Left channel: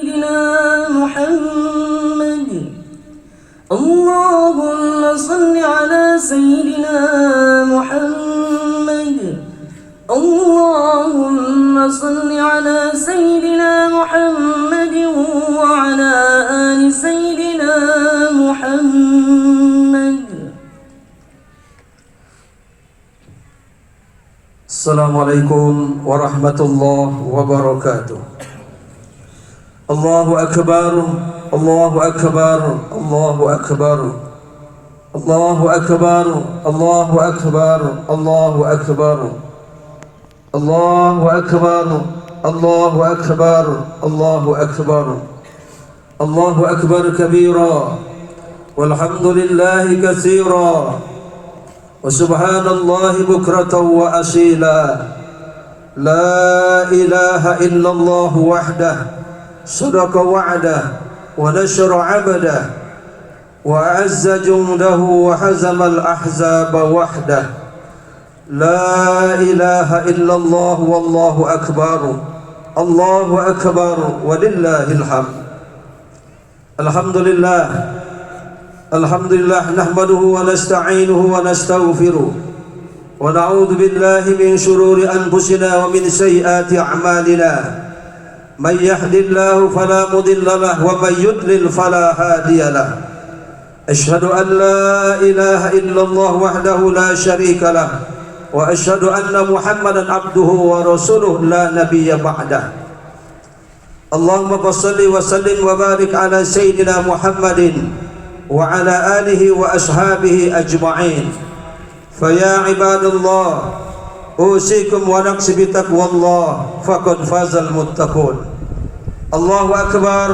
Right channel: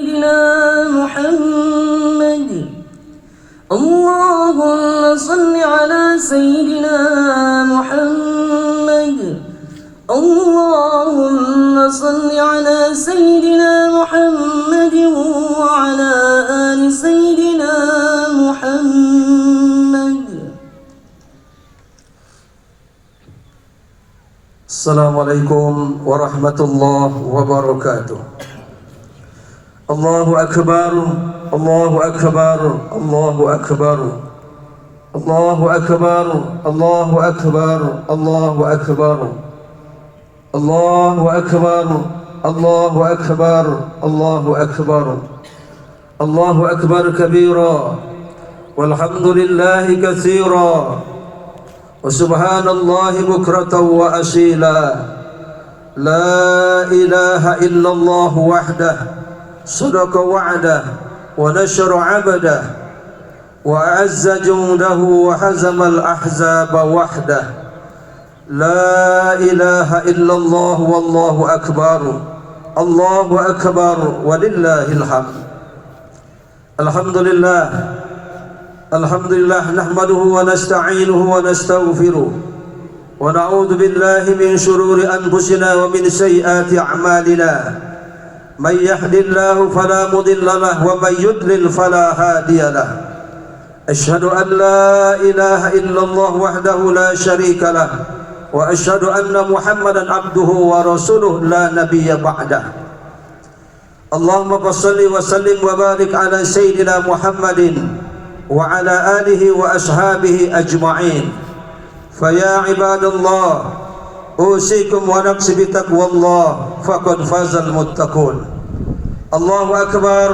سيدنا محمد. اللهم صل على سيدنا محمد. اللهم صل على سيدنا محمد وعلى آل سيدنا محمد. Assalamualaikum warahmatullahi wabarakatuh. Allahu akbar, Allahu akbar, Allahu akbar. Allahu akbar, Allahu akbar, Allahu akbar. Allahu akbar, Allahu akbar, Allahu akbar. Allahu akbar kabira walhamdulillahi katsira. وسبحان الله بكرة وأصيلا. لا إله إلا الله وحده صدق وعده ونشر عبده وأعز جنده وهزم الأحزاب وحده. لا إله إلا الله والله أكبر. الله أكبر ولله الحمد. الحمد لله Alhamdulillah nahmaduhu wa nasta'inuhu wa nastaghfiruh wa na'udzu billahi min shururi anfusina wa min sayyiati a'malina. May yahdihillahu fala mudilla lahu wa may yudlil fala hadiya lahu. Asyhadu an la ilaha illallah wahdahu la syarika lahu wa asyhadu anna Muhammadan abduhu wa rasuluh la nabiyya ba'dah. Allahumma shalli wa sallim wa barik ala sayyidina Muhammadin وعلى آله وأصحابه أجمعين. فيا عباد الله أوصيكم ونفسي بتقوى الله فقد فاز المتقون. الله أكبر،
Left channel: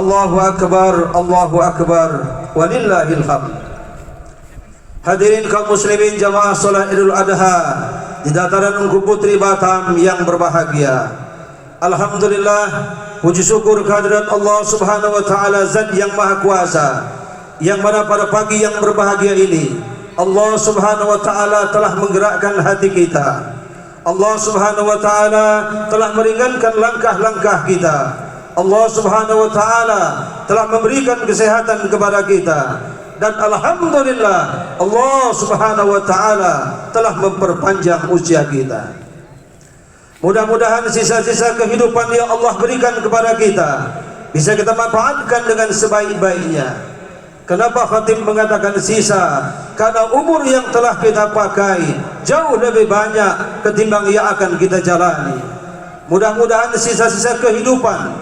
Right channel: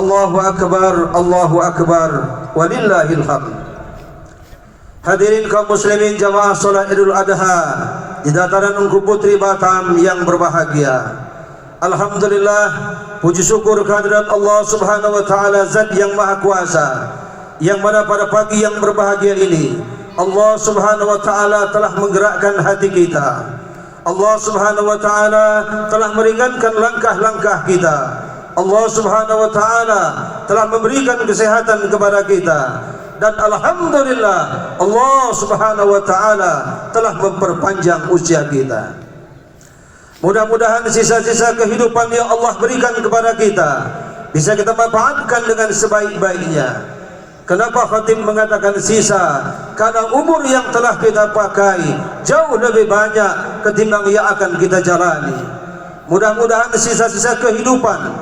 الله أكبر، الله أكبر ولله الحمد. Hadirin kaum muslimin jamaah salat Idul Adha di dataran Ungku Putri Batam yang berbahagia. Alhamdulillah, puji syukur kehadirat Allah Subhanahu wa taala, Zat yang Maha Kuasa, yang mana pada pagi yang berbahagia ini Allah Subhanahu wa taala telah menggerakkan hati kita. Allah Subhanahu wa taala telah meringankan langkah-langkah kita. Allah Subhanahu wa taala telah memberikan kesehatan kepada kita, dan alhamdulillah Allah Subhanahu wa taala telah memperpanjang usia kita. Mudah-mudahan sisa-sisa kehidupan yang Allah berikan kepada kita bisa kita manfaatkan dengan sebaik-baiknya. Kenapa khatib mengatakan sisa? Karena umur yang telah kita pakai jauh lebih banyak ketimbang yang akan kita jalani. Mudah-mudahan sisa-sisa kehidupan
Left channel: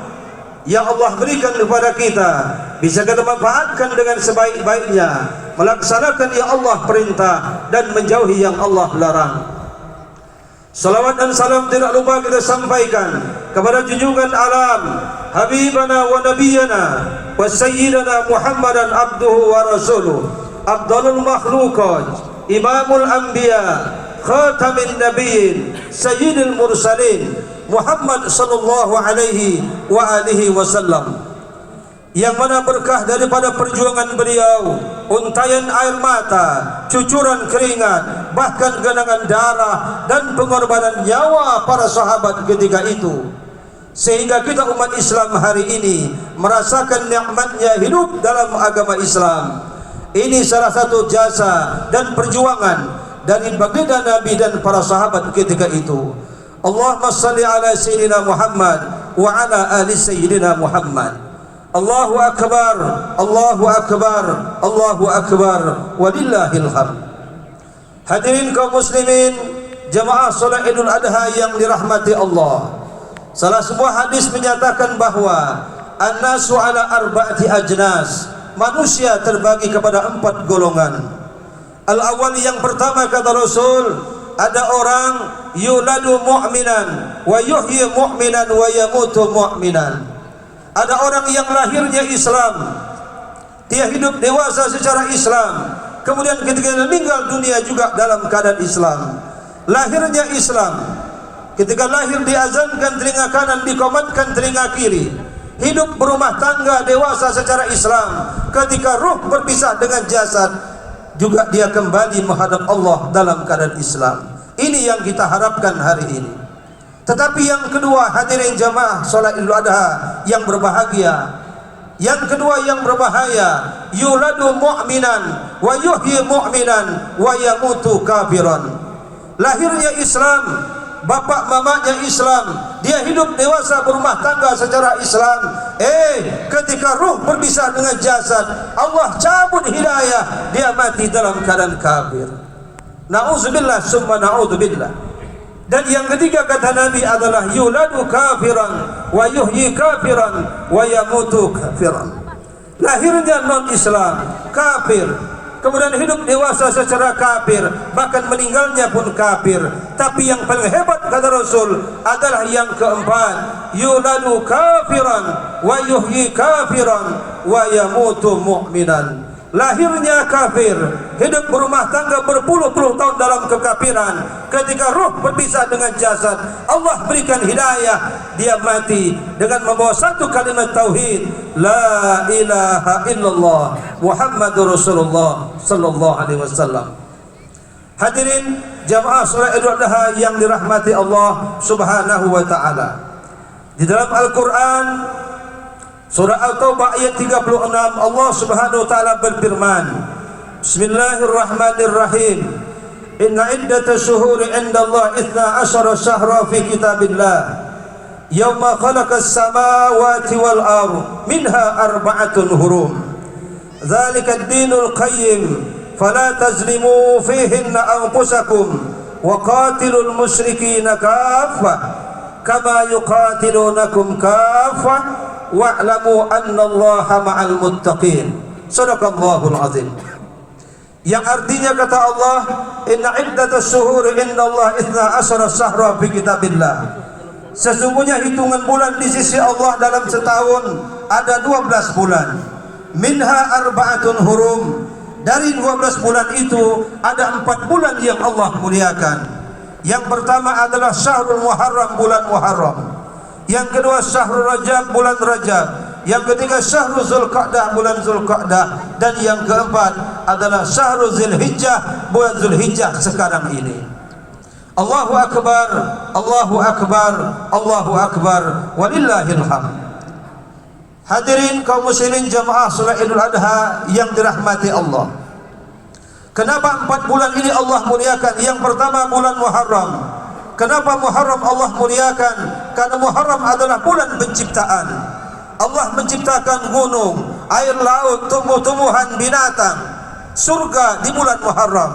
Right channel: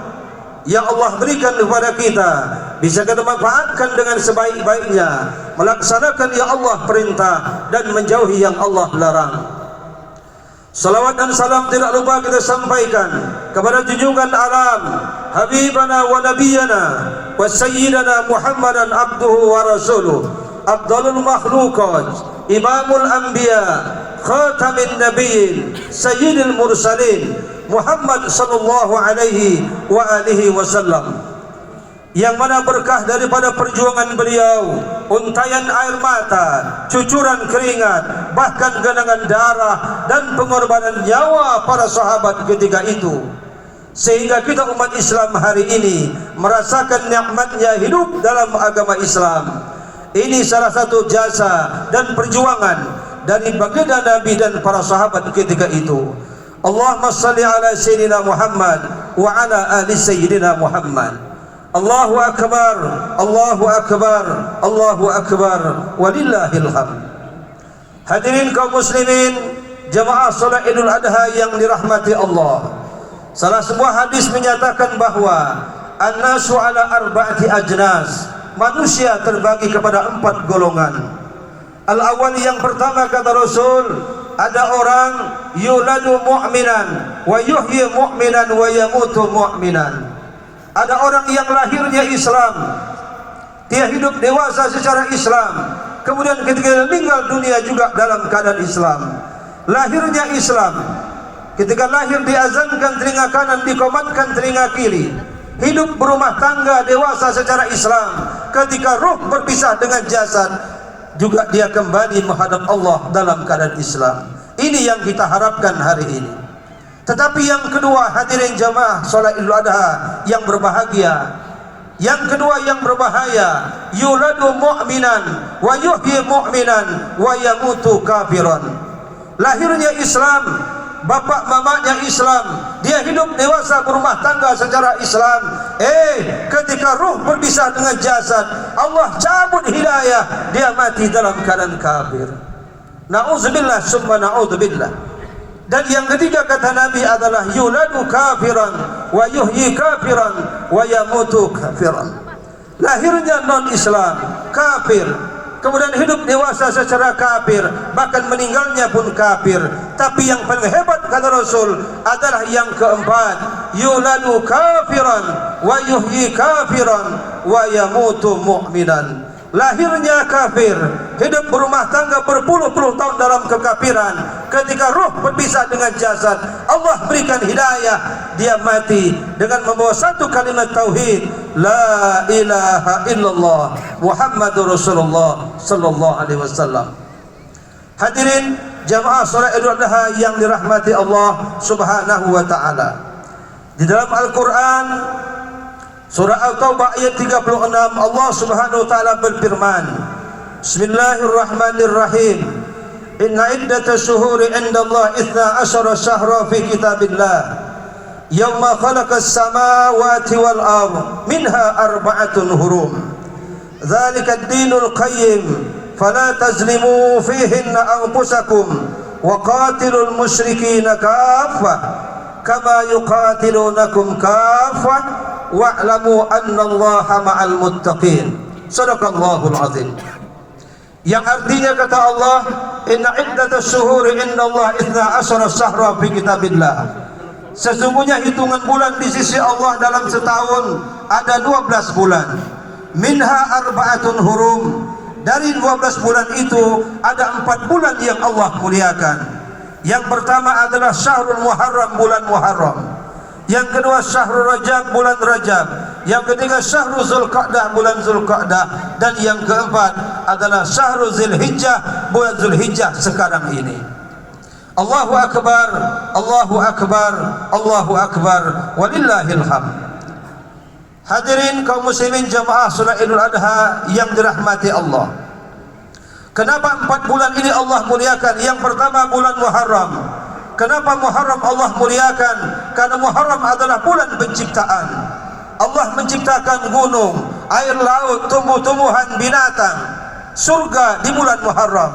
yang Allah berikan kepada kita bisa kita manfaatkan dengan sebaik-baiknya, melaksanakan yang Allah perintah dan menjauhi yang Allah larang. Salawat dan salam tidak lupa kita sampaikan kepada junjungan alam, Habibana wa Nabiyana wa Sayyidana Muhammadan abduhu wa rasuluh, Abdulul makhlukat, Imamul anbiya, Khatamin nabiyyin, Sayyidil mursalin, Muhammad sallallahu alaihi wa alihi wasallam, yang mana berkah daripada perjuangan beliau, untayan air mata, cucuran keringat, bahkan genangan darah dan pengorbanan nyawa para sahabat ketika itu, sehingga kita umat Islam hari ini merasakan nikmatnya hidup dalam agama Islam. Ini salah satu jasa dan perjuangan dari baginda Nabi dan para sahabat ketika itu. Allahumma salli ala Sayyidina Muhammad wa ala ali Sayyidina Muhammad. Allahu akbar, Allahu akbar, Allahu akbar walillahil hamd. Hadirin kaum muslimin jamaah salat Idul Adha yang dirahmati Allah, salah sebuah hadis menyatakan bahwa an-nasu ala arba'ati ajnas, manusia terbagi kepada 4 golongan. Al-awwal, yang pertama kata Rasul, ada orang yuladu mu'minan wa yuhyi mu'minan wa yamutu mu'minan. Ada orang yang lahirnya Islam, dia hidup dewasa secara Islam, kemudian ketika meninggal dunia juga dalam keadaan Islam. Lahirnya Islam, ketika lahir diazankan telinga kanan, dikomatkan telinga kiri. Hidup berumah tangga dewasa secara Islam, ketika ruh berpisah dengan jasad juga dia kembali menghadap Allah dalam keadaan Islam. Ini yang kita harapkan hari ini. Tetapi yang kedua, hadirin jamaah solat Idul Adha yang berbahagia, yang kedua yang berbahaya, yuladu mu'minan wa yuhyi mu'minan wa yamutu kafiran. Lahirnya Islam, bapak mamanya Islam, dia hidup dewasa berumah tangga secara Islam. Ketika ruh berpisah dengan jasad, Allah cabut hidayah, dia mati dalam keadaan kafir. Na'udzubillah summa na'udzubillah. Dan yang ketiga kata Nabi adalah yuladu kafiran wa yuhyi kafiran wa yamutu kafiran. Lahirnya non-Islam, kafir, kemudian hidup dewasa secara kafir, bahkan meninggalnya pun kafir. Tapi yang paling hebat kata Rasul adalah yang keempat, yuladu kafiran wa yuhyi kafiran wa yamutu mu'minan. Lahirnya kafir, hidup berumah tangga berpuluh-puluh tahun dalam kekafiran. Ketika ruh berpisah dengan jasad, Allah berikan hidayah, dia mati dengan membawa satu kalimat tauhid, la ilaha illallah Muhammadur Rasulullah sallallahu alaihi wasallam. Hadirin jamaah salat Idul Adha yang dirahmati Allah Subhanahu wa taala. Di dalam Al-Qur'an surah At-Taubah ayat 36, Allah Subhanahu wa taala berfirman, Bismillahirrahmanirrahim. Inna iddatash shuhuri 'indallahi 12 syahra fi kitabillah yauma khalaqas samawati wal ardh minha arba'atun hurum. Dzalika ad-dinul qayyim fala tazlimu fihinna anfusakum wa qatilul musyrikina kaffah kama yuqatilunakum kaffah wa'lamu annallaha ma'al muttaqin. Sadaqallahul azim. Yang artinya kata Allah, inna iddatash shuhuri indallahi 12 syahra fi kitabillah. Sesungguhnya hitungan bulan di sisi Allah dalam setahun ada 12 bulan. Minha arba'atun hurum. Dari 12 bulan itu ada 4 bulan yang Allah muliakan. Yang pertama adalah Syahrul Muharram, bulan Muharram. Yang kedua Syahrul Rajab, bulan Rajab. Yang ketiga Syahrul Zulqa'dah, bulan Zulqa'dah. Dan yang keempat adalah Syahrul Zulhijjah, bulan Zulhijjah sekarang ini. Allahu Akbar, Allahu Akbar, Allahu Akbar, walillahil hamd. Hadirin kaum muslimin jamaah salat Idul Adha yang dirahmati Allah. Kenapa 4 bulan ini Allah muliakan? Yang pertama bulan Muharram. Kenapa Muharram Allah muliakan? Karena Muharram adalah bulan penciptaan. Allah menciptakan gunung, air laut, tumbuh-tumbuhan, binatang, surga di bulan Muharram.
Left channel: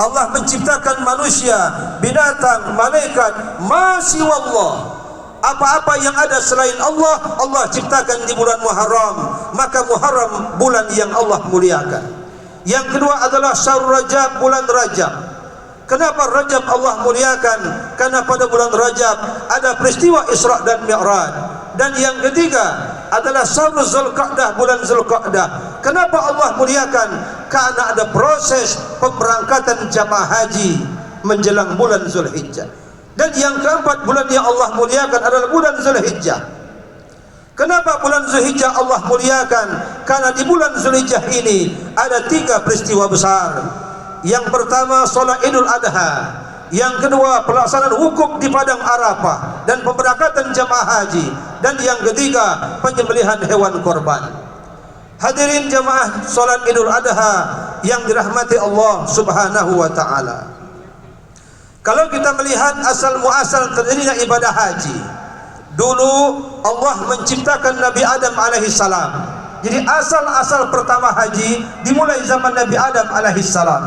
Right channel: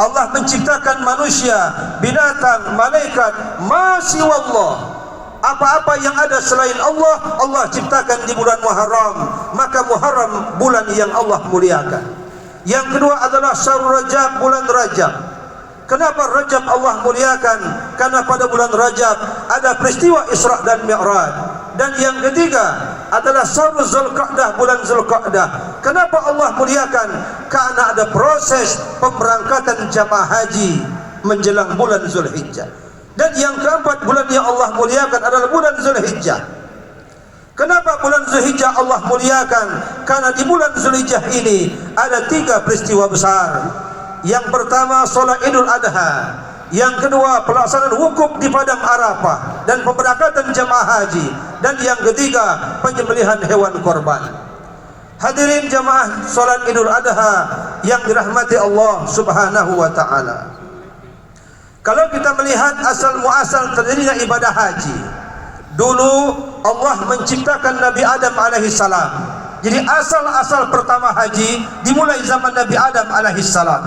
Allah menciptakan manusia, binatang, malaikat, masih wallah. Apa-apa yang ada selain Allah, Allah ciptakan di bulan Muharram. Maka Muharram bulan yang Allah muliakan. Yang kedua adalah Syahrul Rajab, bulan Rajab. Kenapa Rajab Allah muliakan? Karena pada bulan Rajab ada peristiwa Isra dan Mi'raj. Dan yang ketiga adalah Syahrul Zulqa'dah, bulan Zulqa'dah. Kenapa Allah muliakan? Karena ada proses pemberangkatan jamaah haji menjelang bulan Zulhijjah. Dan yang keempat bulan yang Allah muliakan adalah bulan Zulhijjah. Kenapa bulan Zulhijjah Allah muliakan? Karena di bulan Zulhijjah ini ada 3 peristiwa besar. Yang pertama salat Idul Adha. Yang kedua pelaksanaan wukuf di padang Arafah dan pemberangkatan jamaah haji. Dan yang ketiga penyembelihan hewan korban. Hadirin jamaah salat Idul Adha yang dirahmati Allah Subhanahu wa taala. Kalau kita melihat asal muasal terdirinya ibadah haji, dulu Allah menciptakan Nabi Adam alaihissalam. Jadi asal-asal pertama haji dimulai zaman Nabi Adam alaihissalam.